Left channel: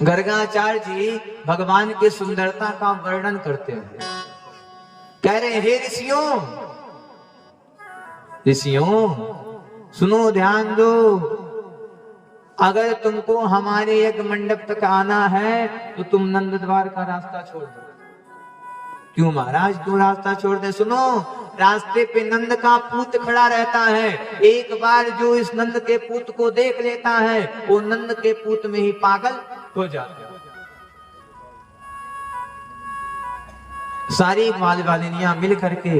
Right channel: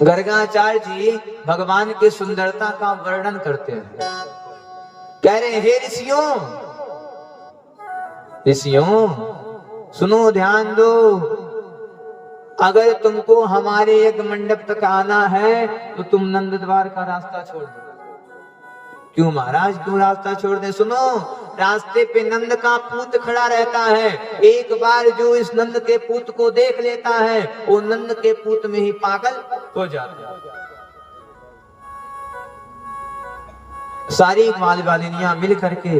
गर्गाचार्य जी भगवान की सुंदरता का वर्णन करते हैं। कह रहे हैं, हे ऋषियों, ऋषियों सुनो, ध्यान दो। अगर तुमको हमारे यज्ञ मंडप तक आना है तो तुम नंद द्वार का रास्ता छोड़ दो। क्यों महाराज, क्यों रास्ता छोड़ दे? सुनो, रास्ते पे नंद का पूत खड़ा रहता है। एक बार जो इस नंद के पूत को देख लेता है वो नंद के पूत में ही पागल हो जाता है। सारी ग्वाल बालिनियां मिल करके,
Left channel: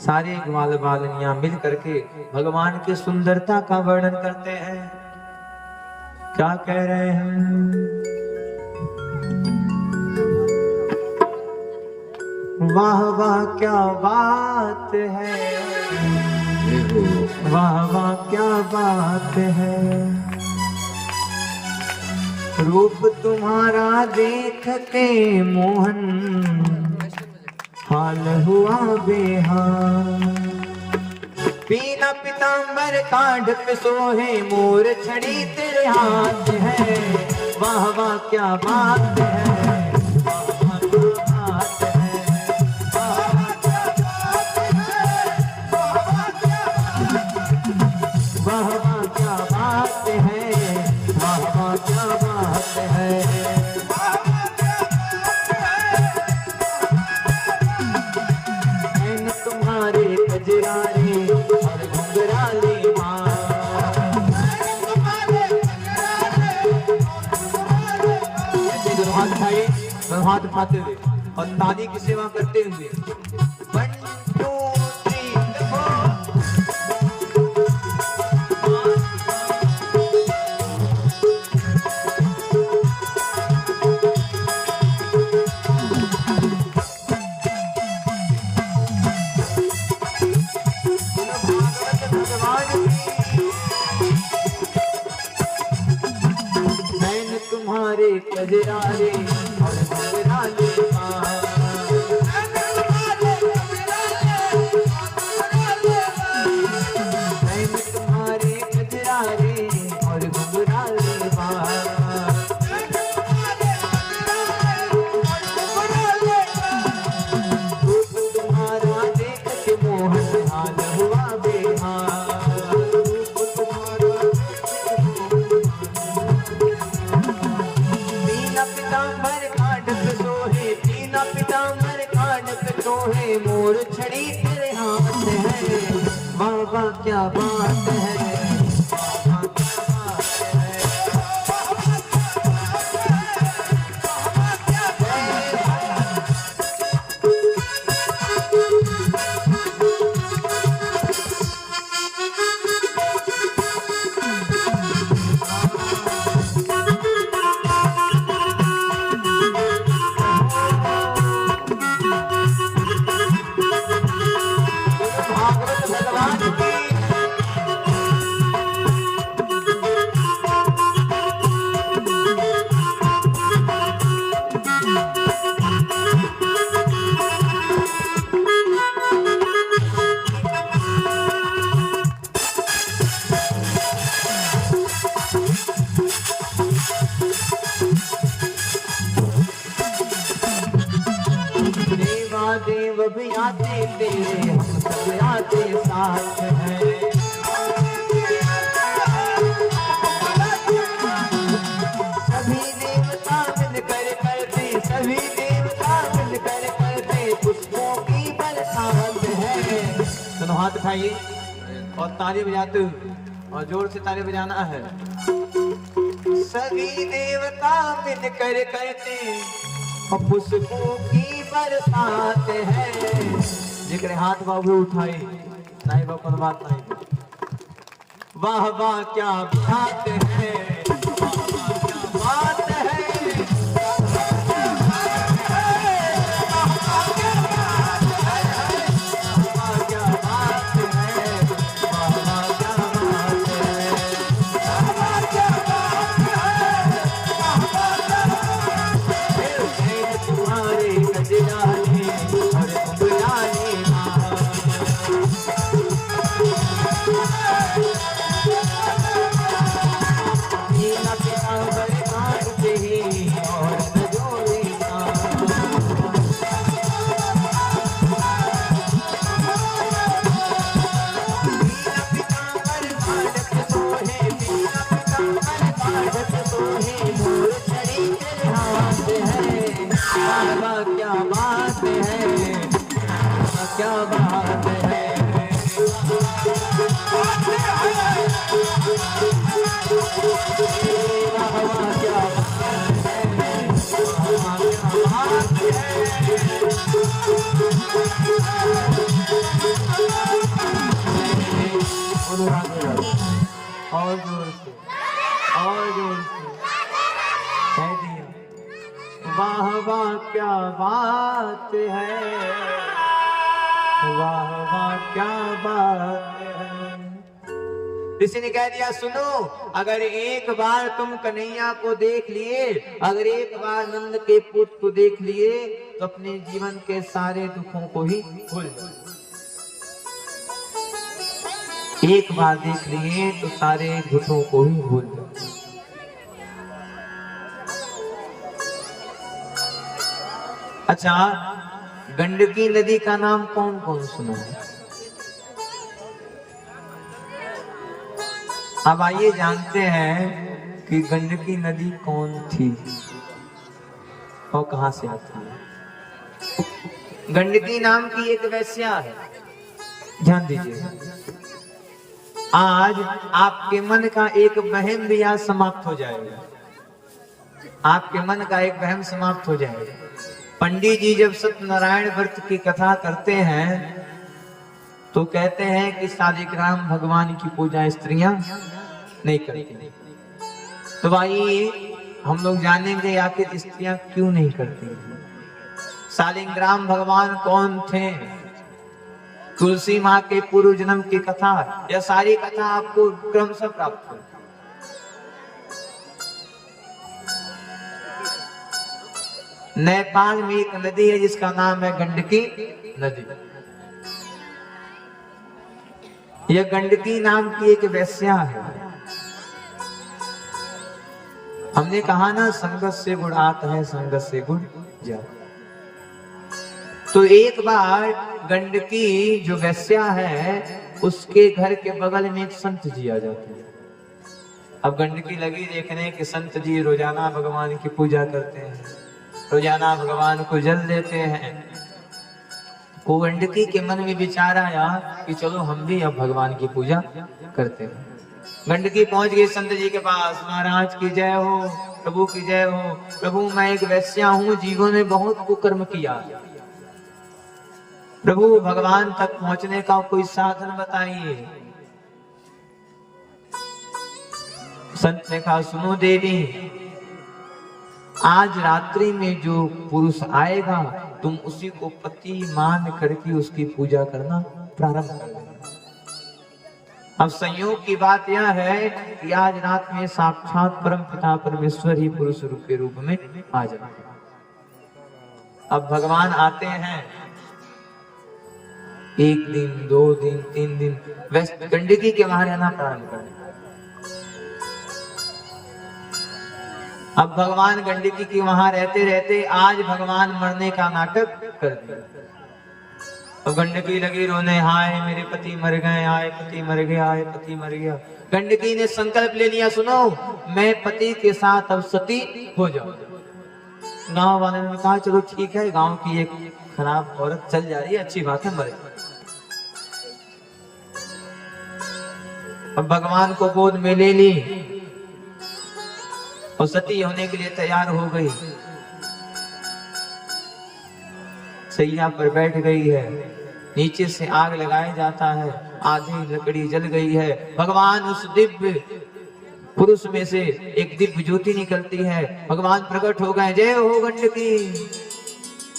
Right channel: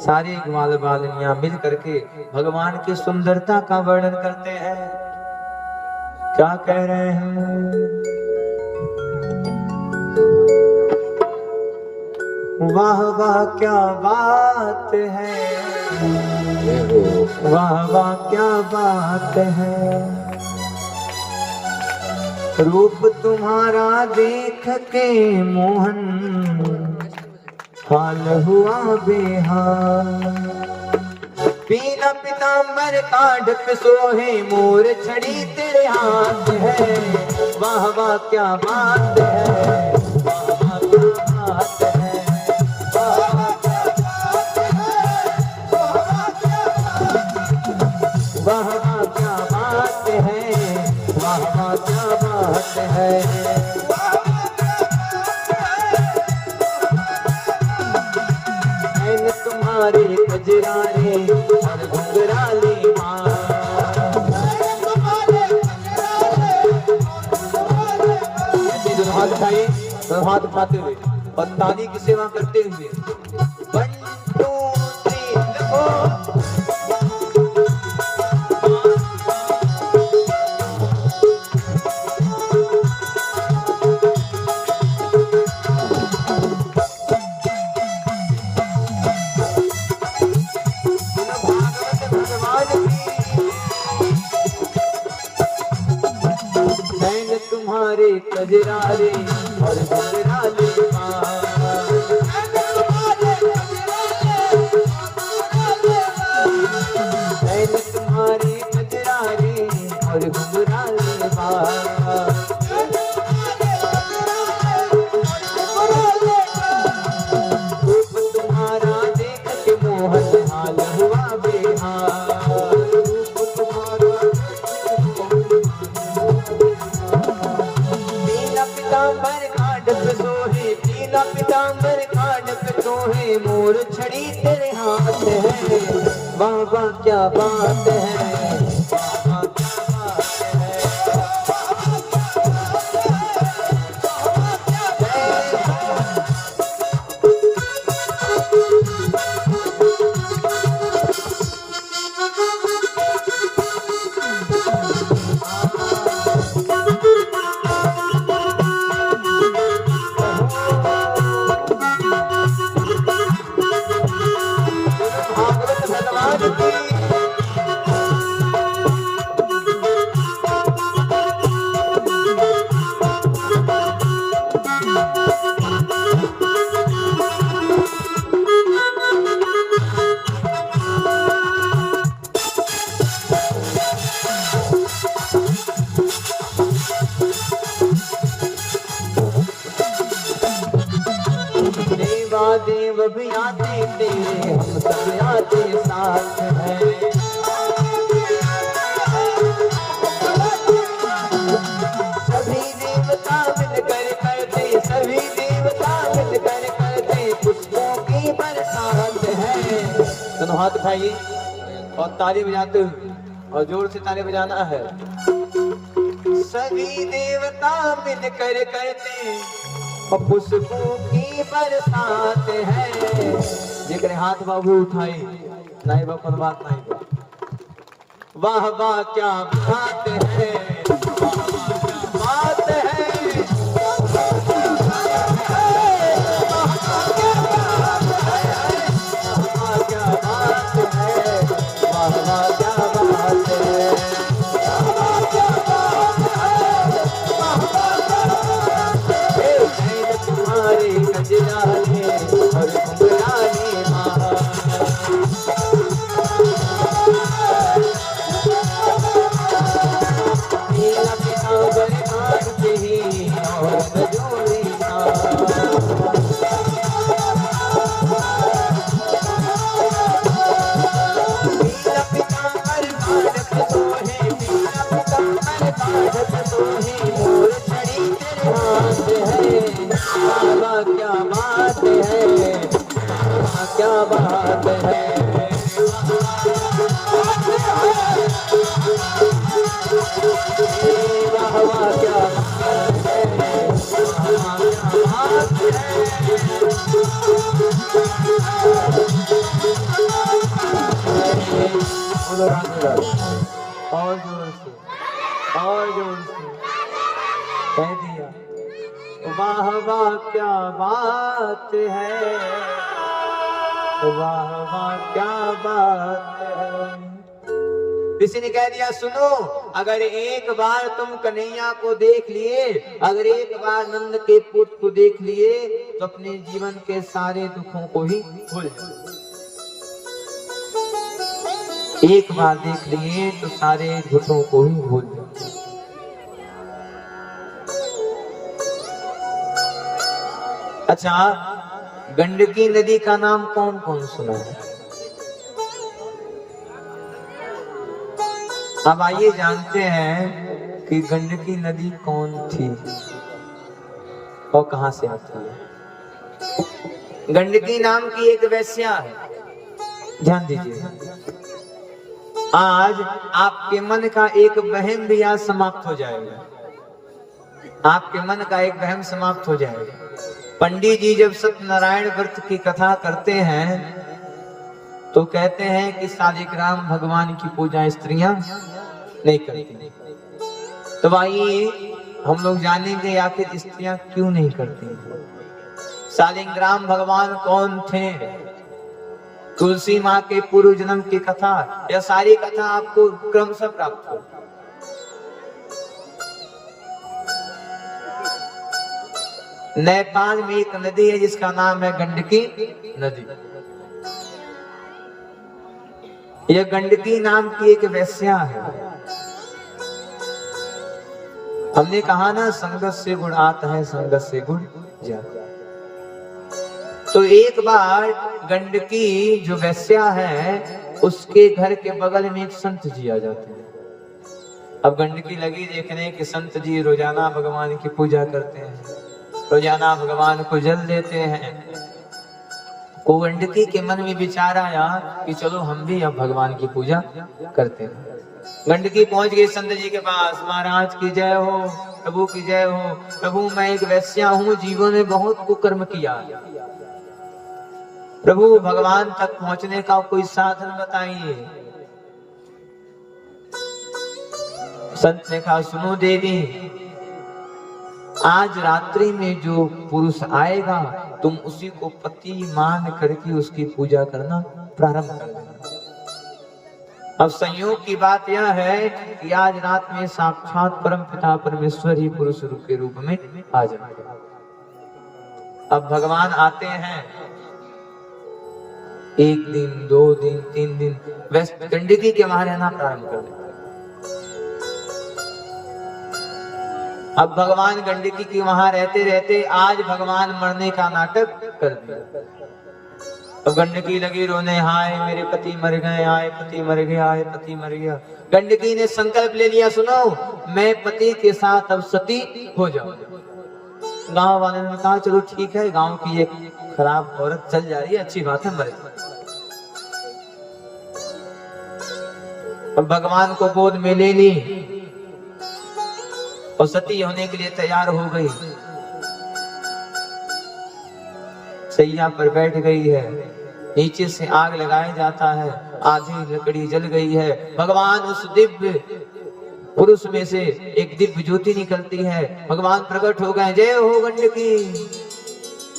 सारी ग्वाल बालिनियां मिल करके भगवान की सुंदरता का वर्णन करते हैं। क्या कह रहे हैं? वाह वाह क्या बात है, वाह वाह क्या बात है। रूप तुम्हारा देख के मोहन हाल हुआ बेहाल। पीला पीतांबर कांड पे सोहे मोर छड़ी तेरे हाथ है। वाह वाह क्या बात है, तुम्हारे कजरारे और घुंघराले हाथ उठाते हुए और ताली की सेवा करते हुए तुम्हारे कजरारे और घुंघराले तुम्हारे कजरारे और घुंघराले रूप तुम्हारा देख के मोहन हाल हुआ बेहाल। तीना पीतांबर कांड पे सोहे मोर छड़ी तेरे हाथ है। वाह वाह क्या बात है, देव भी आते तेरे, हम सब आते साथ हैं। सभी देवता मिल कर करते, सभी देवता मिल कर करते पुष्पों की बरसात है। दोनों हाथ उठाइए और ताली बजाते हुए, और जोर से ताली बजाना है। सभी देवता मिल कर करते पुष्पों की बरसात है। जिक्र हाथ बाबू उठाए, नहीं बाबू बात नहीं। वाह वाह क्या बात है, वाह वाह क्या बात है। वाह क्या बात है, वाह वाह क्या बात है। तुम्हारे कजरारे और घुंघराले नीला क्या बात है, वाह वाह क्या बात है, और जोर से, और जोर से कह दिया, वाह वाह क्या बात है, वाह वाह क्या बात है। किसी ने कह दिया सुनो, अगर एक बार तुम कन्हैया को देख लिए, अगर एक बार नंद के पुत्र को देख लिए, तो अपने जीवन के सारे दुखों को ही भूल जाओ। एक बार देख लिए तो सारे दुखों को ही भूल जाओ। अच्छा, गंडकी नदी का नाम कौन कौन सुना है? अब आइए जानते हैं कि गंडकी नदी कौन थी और कहां से आती है। गंडकी नाम की एक वेश्या है, ध्यान दीजिए। आज आपके मन का एक वहम भी आज समाप्त हो जाएगा, आपके मन का एक वहम समाप्त हो जाएगा। पंडित जी जब सत्यनारायण व्रत की कथा करते हैं तो कहते हैं कि शालिग्राम भगवान की पूजा स्त्रियां नहीं करती। तो भाई हम लोग जानेंगे आखिर स्त्रियां क्यों नहीं करती। शालिग्राम भगवान कौन थे? तुलसी माँ के पूर्व जन्म की कथा, यह सारी कथा आपको क्रमशः प्राप्त हो। नेपाल में एक नदी है जिसका नाम है गंडकी नदी। यह गंडकी नाम की एक वेश्या है। हमने कहा ना, संगत से गुण आता है, संगत से गुण जाता। तो एक बार गंडकी जो वेश्या है उसके घर के बगल में एक संत जी आ जाते हैं। अब गंडकी लगी देखने कि संत जी रोजाना भगवान की पूजा करते हैं, रोजाना भगवान को जल देते हैं। वो गंडकी के मन में विचार आया कि चलो हम भी अब भगवान की पूजा करते हैं। गंडकी पहुंच गई संत जी के पास। महाराज की जय हो, प्रभु की जय हो। प्रभु मैं एक वेश्या हूँ, जीवन में बहुत कुकर्म किया, प्रभु भगवान तक पहुंचने का कोई साधन बताइए। संत ने कहा सुनो देवी, आज रात्रि में जो पुरुष आएगा तुम उसी को पति मान करके उसकी पूजा करना प्रारंभ कर देना। अब संयोग की बात यह है कि आज रात में साक्षात परम पिता परमेश्वर ही पुरुष रूप के रूप में आ जाएंगे। अब भगवान आते हैं, एक दिन, 2 दिन, 3 दिन वेस्ट गंडकी के वहां रहना प्रारंभ कर दिया। अब भगवान गंडकी के वहां रहते रहते आज भगवान मरने का नाटक कर दिया। अब गंडकी लगी रोने, हाय मेरे पति मर गए, आए पति मर गया, आए पति मर गया। गंडकी ने संकल्प ले लिया, सुनो मैं पति के साथ अब सती हो जाऊं। गांव वालों ने कहा चलो ठीक है, गांव की एक खराब औरत चल जा रही है, अच्छी बात है, मरे। अब भगवान को गोद में ले ली और सती होने के लिए तैयार हो गई। सैया पर बैठ गई है, नीचे से आग लगाया जाता है, आधी लकड़ी जल गई है। भगवान उस दिव्य पुरुष में से एक दिव्य ज्योति निकलती है, भगवान प्रकट हो गए। जय हो गंडकी,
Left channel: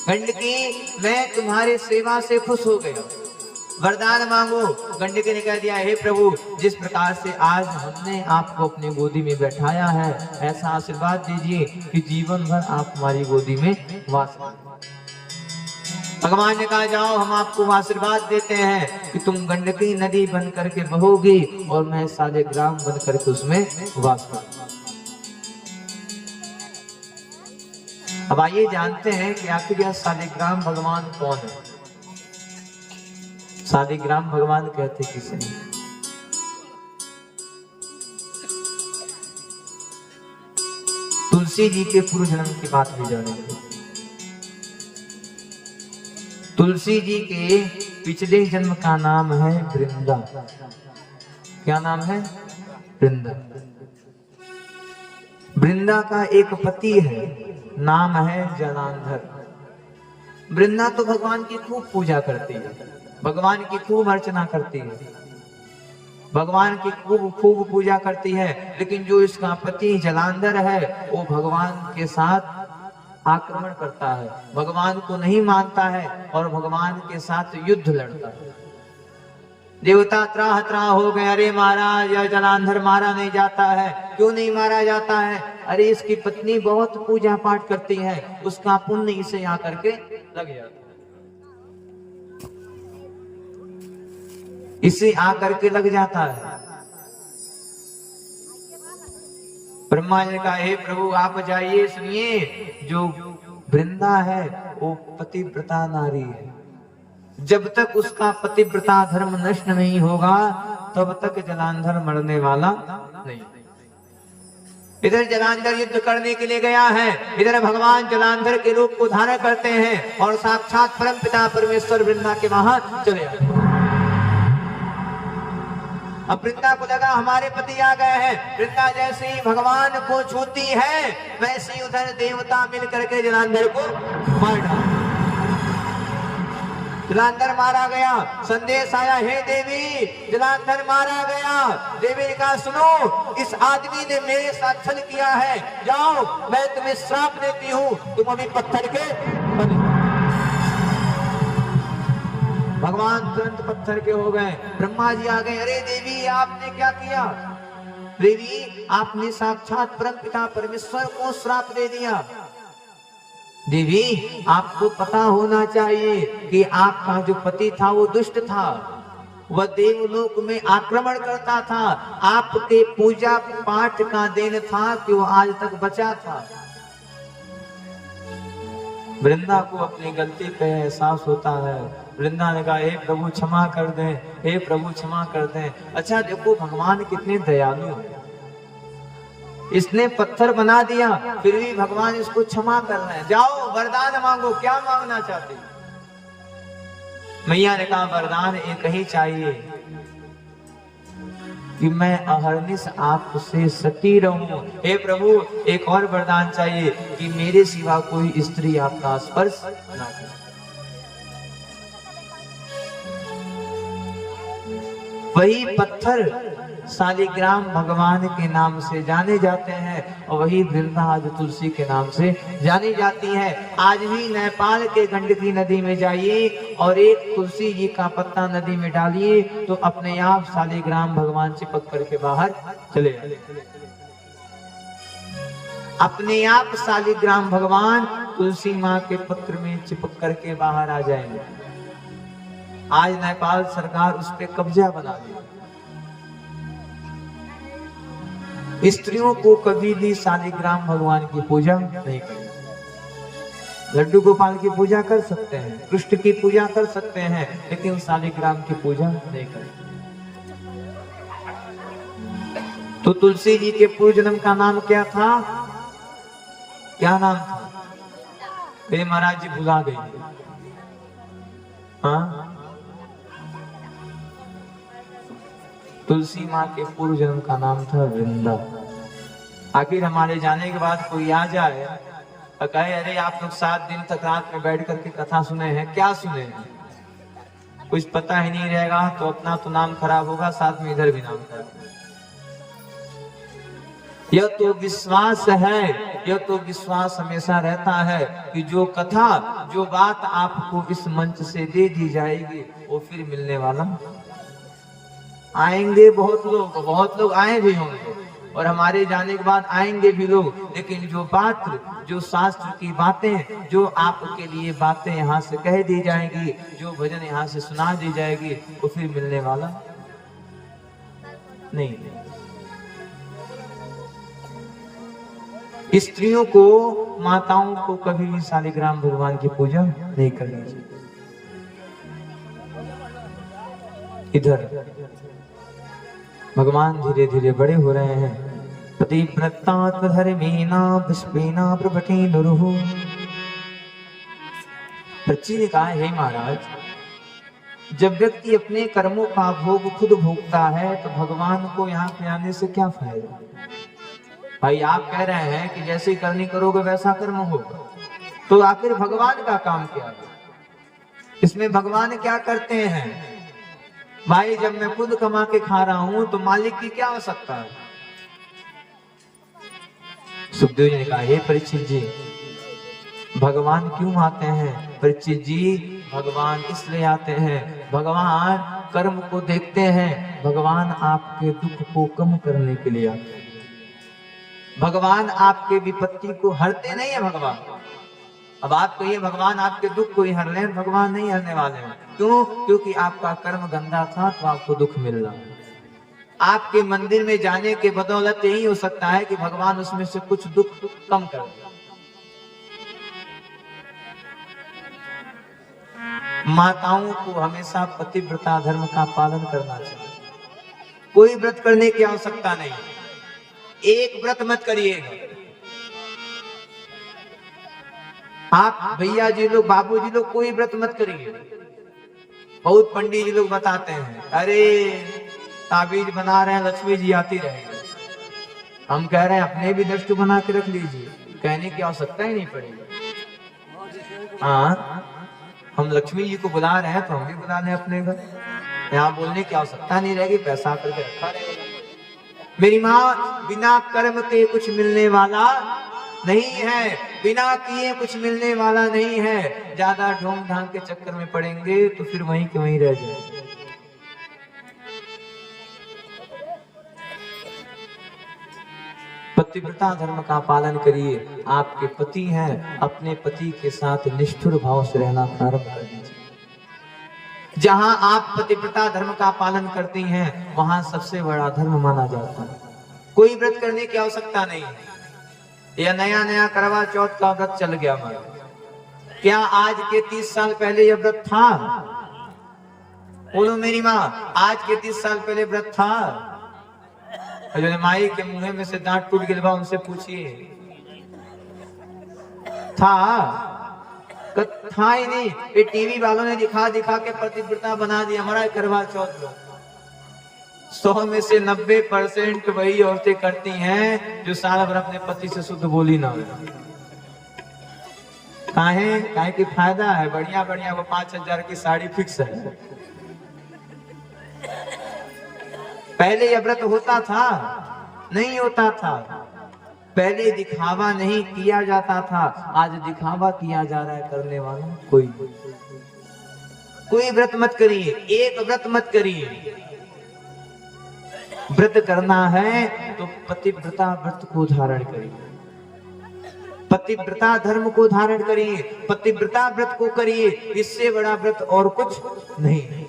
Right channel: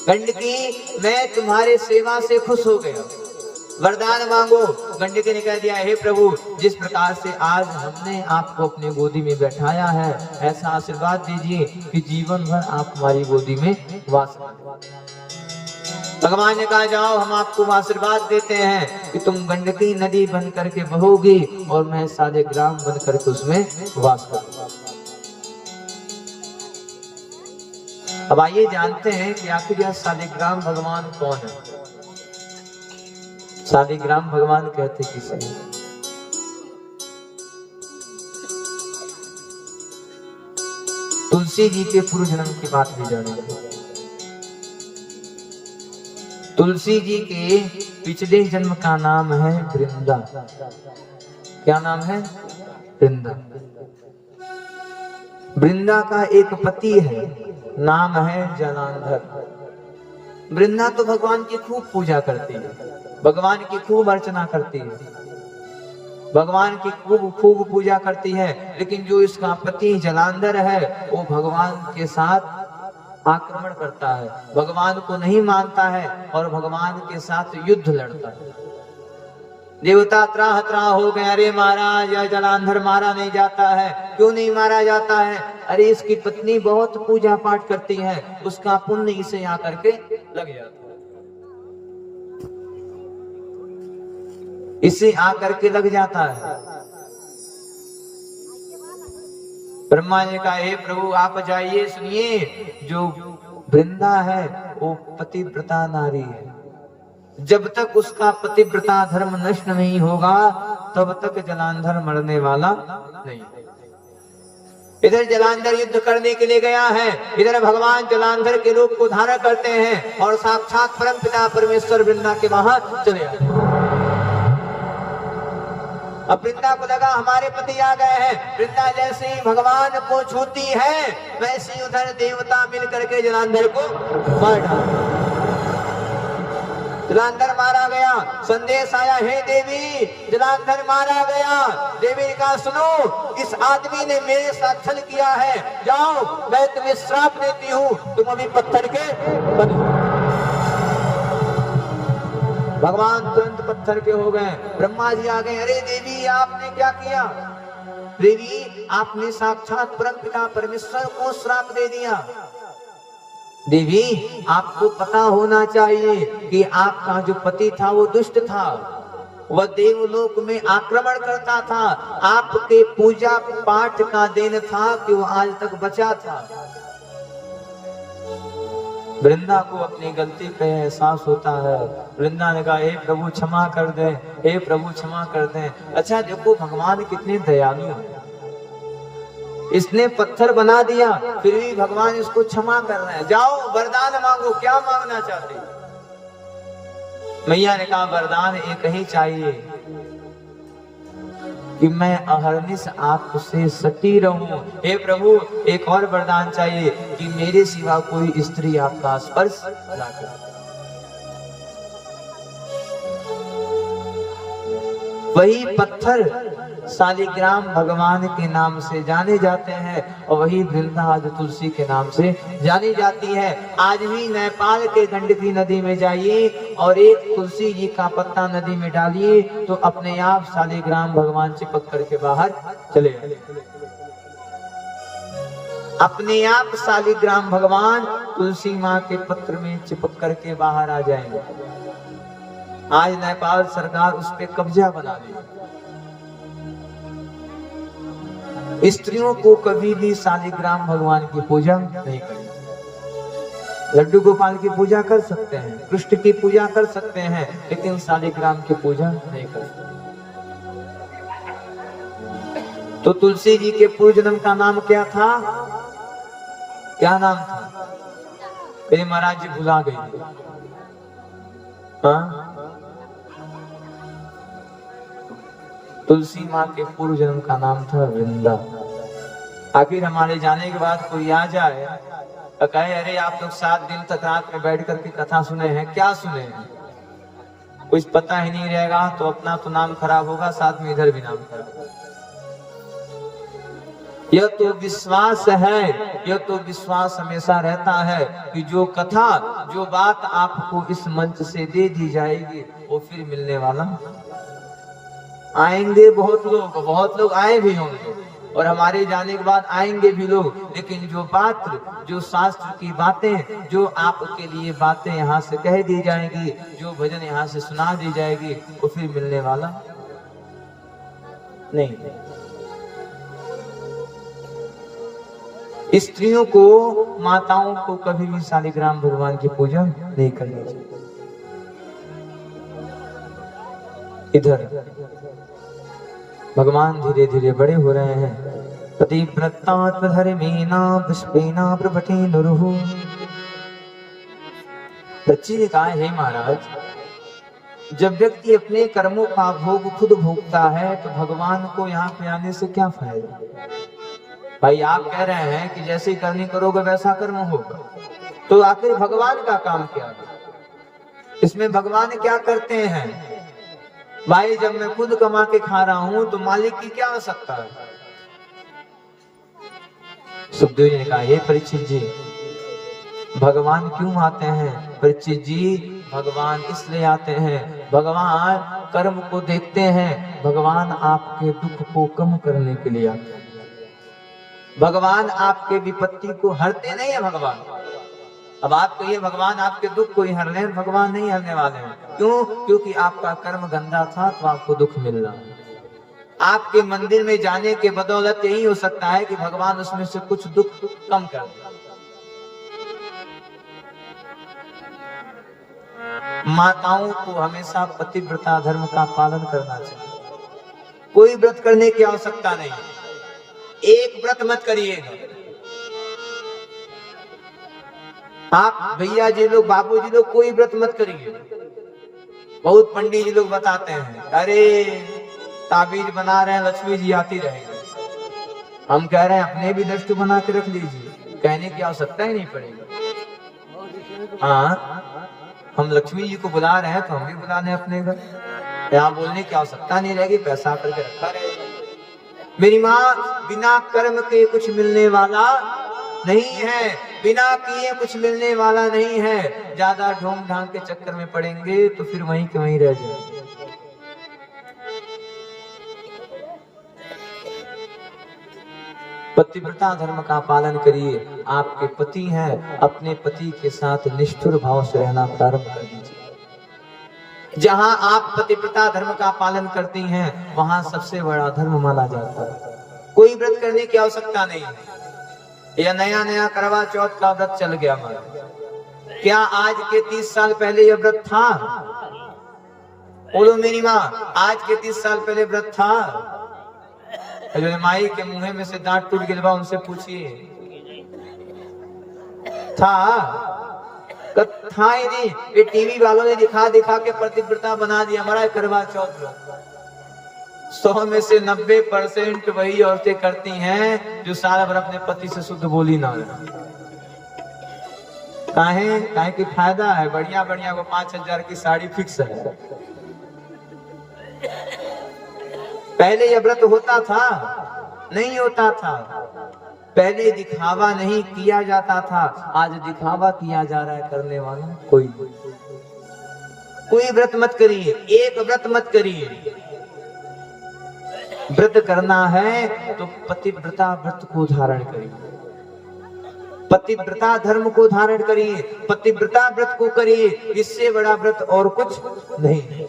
गंडकी मैं तुम्हारे सेवा से खुश हो गया, वरदान मांगो। गंडकी ने कह दिया, हे प्रभु जिस प्रकार से आज हमने आपको अपनी गोदी में बैठाया है, ऐसा आशीर्वाद दीजिए कि जीवन भर आप हमारी गोदी में वास करें। भगवान ने कहा जाओ हम आपको आशीर्वाद देते हैं कि तुम गंडकी नदी बन करके बहोगी और मैं शालिग्राम बन करके उसमें वास करूंगा। अब आइए जानते हैं कि आखिर यह शालिग्राम भगवान कौन है। शालिग्राम भगवान कहते किसे? तुलसी जी के पूर्व जन्म की बात भी जानेंगे। तुलसी जी के पिछले जन्म का नाम है वृंदा। क्या नाम है? वृंदा। वृंदा का एक पति है, नाम है जलांधर। वृंदा तो भगवान की खूब पूजा करती है, भगवान की खूब अर्चना करती है, भगवान की खूब पूजा करती है, लेकिन जो इसका पति जलांधर है वो भगवान के साथ आक्रमण करता है, भगवान को नहीं मानता है और भगवान के साथ युद्ध लड़ता है। देवता त्राह त्राह हो गए, अरे महाराज यह जलांधर मारा नहीं जाता है, क्यों नहीं मारा जाता है? अरे इसकी पत्नी बहुत पूजा पाठ करती है, उसका पुण्य इसे आकर के लग जाता है, इसे आकर के लग जाता है। ब्रह्मा जी का, हे प्रभु आप जाइए, सुनिए, जो वृंदा है वो पतिव्रता नारी है, जब तक उसका पतिव्रता धर्म नष्ट नहीं होगा तब तक जलांधर मरने वाला नहीं। इधर जलांधर युद्ध करने के लिए गया है, इधर भगवान जलांधर के रूप को धारण करते हैं और साक्षात परम पिता परमेश्वर वृंदा के वहां चले आए। अब वृंदा को लगा हमारे पति आ गए हैं, वृंदा जैसे ही भगवान को छूती है वैसे ही उधर देवता मिल करके जलांधर को मार डाला। जलांधर मारा गया, संदेश आया, हे देवी जलांधर मारा गया। देवी ने कहा सुनो, इस आदमी ने मेरे साथ छल किया है, जाओ मैं तुम्हें श्राप देती हूँ, तुम अभी पत्थर के बनो। भगवान तुरंत पत्थर के हो गए। ब्रह्मा जी आ गए, अरे देवी आपने क्या किया? देवी आपने साक्षात परम पिता परमेश्वर को श्राप दे दिया। देवी आपको पता होना चाहिए कि आपका जो पति था वो दुष्ट था, वह देवलोक में आक्रमण करता था, आपके पूजा पाठ का देन था कि वो आज तक बचा था। वृंदा को अपनी गलती पे एहसास होता है। वृंदा ने कहा, हे प्रभु क्षमा कर दे, हे प्रभु क्षमा कर दे। अच्छा देखो भगवान कितने दयालु हैं, इसने पत्थर बना दिया फिर भी भगवान इसको क्षमा कर रहे हैं। जाओ वरदान मांगो, क्या मांगना चाहते? मैया ने कहा वरदान एक ही चाहिए कि मैं अहरनिश आपसे सती रहूं। हे प्रभु एक और वरदान चाहिए कि मेरे सिवा कोई स्त्री आपका स्पर्श ना करे। वही पत्थर शालिग्राम भगवान के नाम से जाने जाते हैं और वही वृंदा आज तुलसी के नाम से जानी जाती है। आज भी नेपाल के गंडकी नदी में जाइए और एक तुलसी जी का पत्ता नदी में डालिए तो अपने आप शालिग्राम भगवान चिपक करके बाहर चले जाए। अपने आप शालिग्राम भगवान तुलसी माँ के पत्र में चिपक करके बाहर आ जाएंगे। आज नेपाल सरकार उस पर कब्जा बना ली। स्त्रियों को कभी भी शालिग्राम भगवान की पूजा नहीं करनी। लड्डू गोपाल की पूजा कर सकते हैं, कृष्ण की पूजा कर सकते हैं, लेकिन शालिग्राम की पूजा नहीं करते। तो तुलसी जी के पूर्व जन्म का नाम क्या था? क्या नाम था? मेरे महाराज जी भुला गए। हाँ, तुलसी माँ के पूर्व जन्म का नाम था वृंदा। आखिर हमारे जाने के बाद कोई आ जाए और कहे अरे आप लोग 7 दिन तक रात में बैठ करके कथा सुने हैं, क्या सुने हैं? कुछ पता ही नहीं रहेगा तो अपना तो नाम खराब होगा, साथ में इधर भी नाम खराब होगा। यह तो विश्वास है, यह तो विश्वास हमेशा रहता है कि जो कथा, जो बात आपको इस मंच से दे दी जाएगी वो फिर मिलने वाला। आएंगे बहुत लोग आए भी होंगे और हमारे जाने के बाद आएंगे भी लोग, लेकिन जो बात, जो शास्त्र की बातें, जो आपके लिए बातें यहाँ से कह दी जाएगी, जो भजन यहाँ से सुना दी जाएगी वो फिर मिलने वाला नहीं। स्त्रियों को, माताओं को कभी भी शालिग्राम भगवान की पूजा नहीं करनी चाहिए। इधर भगवान धीरे धीरे बड़े हो रहे हैं। पतिव्रतात्मधर्मेण पुष्पेण प्रभटे नुरुः। प्रची ने कहा, हे महाराज जब व्यक्ति अपने कर्मों का भोग खुद भोगता है तो भगवान को यहाँ पे आने से क्या फायदा? भाई आप कह रहे हैं कि जैसे करनी करोगे वैसा कर्म होगा, तो आखिर भगवान का काम क्या है? इसमें भगवान क्या करते हैं? भाई जब मैं खुद कमा के खा रहा हूं तो मालिक की क्या आवश्यकता है? सुखदेव जी ने कहा, हे परीक्षित जी, भगवान क्यों आते हैं? परीक्षित जी, भगवान इसलिए आते हैं, भगवान कर्म को देखते हैं, भगवान आपके दुख को कम करने के लिए आते हैं। भगवान आपके विपत्ति को हरते नहीं है भगवान। अब आप कहिए भगवान आपके दुख को ही हर ले, भगवान नहीं हरने वाले हैं। क्यों? क्योंकि आपका कर्म गंदा था तो आपको दुख मिल रहा है। आपके मंदिर में जाने के बदौलत यही हो सकता है कि भगवान उसमें से कुछ दुख कम कर दे। माताओं को हमेशा पतिव्रता धर्म का पालन करना चाहिए। कोई व्रत करने की आवश्यकता नहीं, एक व्रत मत करिएगा। आप भैया जी लोग, बाबू जी लोग, कोई व्रत मत करिए। बहुत पंडित जी लोग बताते हैं, अरे ताबीज बना रहे हैं, लक्ष्मी जी आती रहेगी। हम कह रहे हैं अपने भी दृष्टि बना के रख लीजिए, कहने की आवश्यकता ही नहीं पड़ेगी। हाँ, हम लक्ष्मी जी को बुला रहे हैं तो हम भी बुला लें अपने घर, यहाँ बोलने की आवश्यकता नहीं रहेगी, पैसा करके रखा रहेगा। मेरी माँ, बिना कर्म के कुछ मिलने वाला नहीं है, बिना किए कुछ मिलने वाला नहीं है। ज्यादा ढोंग ढांग के चक्कर में पड़ेंगे तो फिर वहीं के वहीं रह जाए। पतिव्रता धर्म का पालन करिए। आपके पति हैं, अपने पति के साथ निष्ठुर भाव से रहना प्रारंभ कर दीजिए। जहां आप पतिव्रता धर्म का पालन करती हैं वहां सबसे बड़ा धर्म माना जाता है। कोई व्रत करने की आवश्यकता नहीं है। यह नया नया करवा चौथ का व्रत चल गया हमारा। क्या आज के 30 साल पहले यह व्रत था? बोलो मेरी माँ, आज के 30 साल पहले व्रत था? माई के मुंह में से दांत टूट गिलवा, उनसे पूछिए, था? था ही नहीं। ये टीवी वालों ने दिखा दिखा के पतिव्रता बना दिया हमारा करवा चौथ। 100 में से 90% वही औरतें करती हैं जो साल भर अपने पति से शुद्ध बोली ना रहे। काहे की फायदा है, बढ़िया बढ़िया वो 5,000 की साड़ी फिक्स है। पहले यह व्रत होता था? नहीं होता था। पहले दिखावा नहीं किया जाता था, आज दिखावा किया जा रहा है करने वाला कोई। कोई व्रत मत करिए, एक व्रत मत करिए। व्रत करना है तो पतिव्रता व्रत को धारण करिए, पतिव्रता धर्म को धारण करिए, पतिव्रता व्रत को करिए। इससे बड़ा व्रत और कुछ नहीं।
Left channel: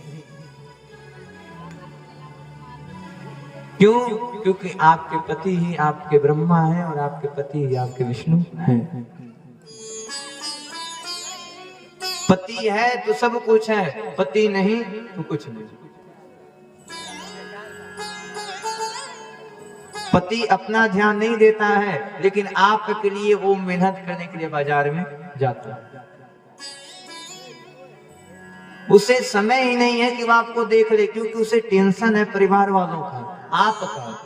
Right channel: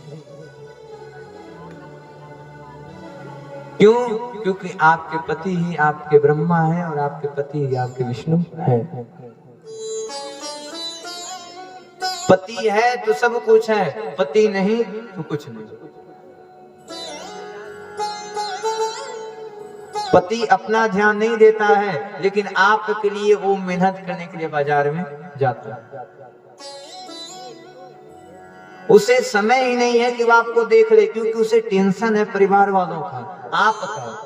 क्यों? क्योंकि आपके पति ही आपके ब्रह्मा है और आपके पति ही आपके विष्णु है। पति है तो सब कुछ है, पति नहीं तो कुछ नहीं। पति अपना ध्यान नहीं देता है, लेकिन आपके लिए वो मेहनत करने के लिए बाजार में जाता है। उसे समय ही नहीं है कि वो आपको देख ले, क्योंकि उसे टेंशन है परिवार वालों का, आपका।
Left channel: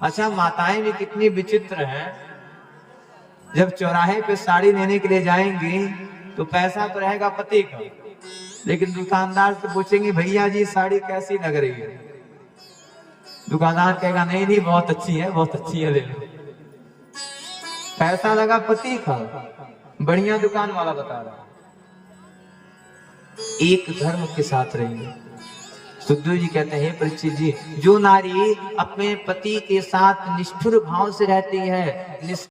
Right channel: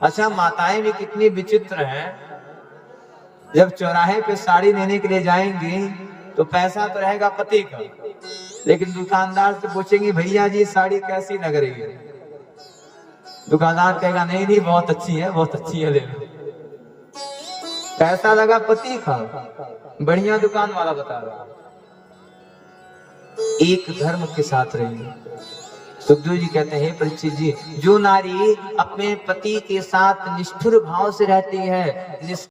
अच्छा, माताएं भी कितनी विचित्र हैं। जब चौराहे पे साड़ी लेने के लिए जाएंगी तो पैसा तो रहेगा पति का, लेकिन दुकानदार से पूछेंगे भैया जी साड़ी कैसी लग रही है? दुकानदार कहेगा नहीं नहीं बहुत अच्छी है, बहुत अच्छी है, ले लो। पैसा लगा पति का, बढ़िया दुकान वाला बता रहा। एक धर्म के साथ रहिए। सुखदेव जी कहते हैं, परीक्षित जी, जो नारी अपने पति के साथ निष्ठुर भाव से रहती है,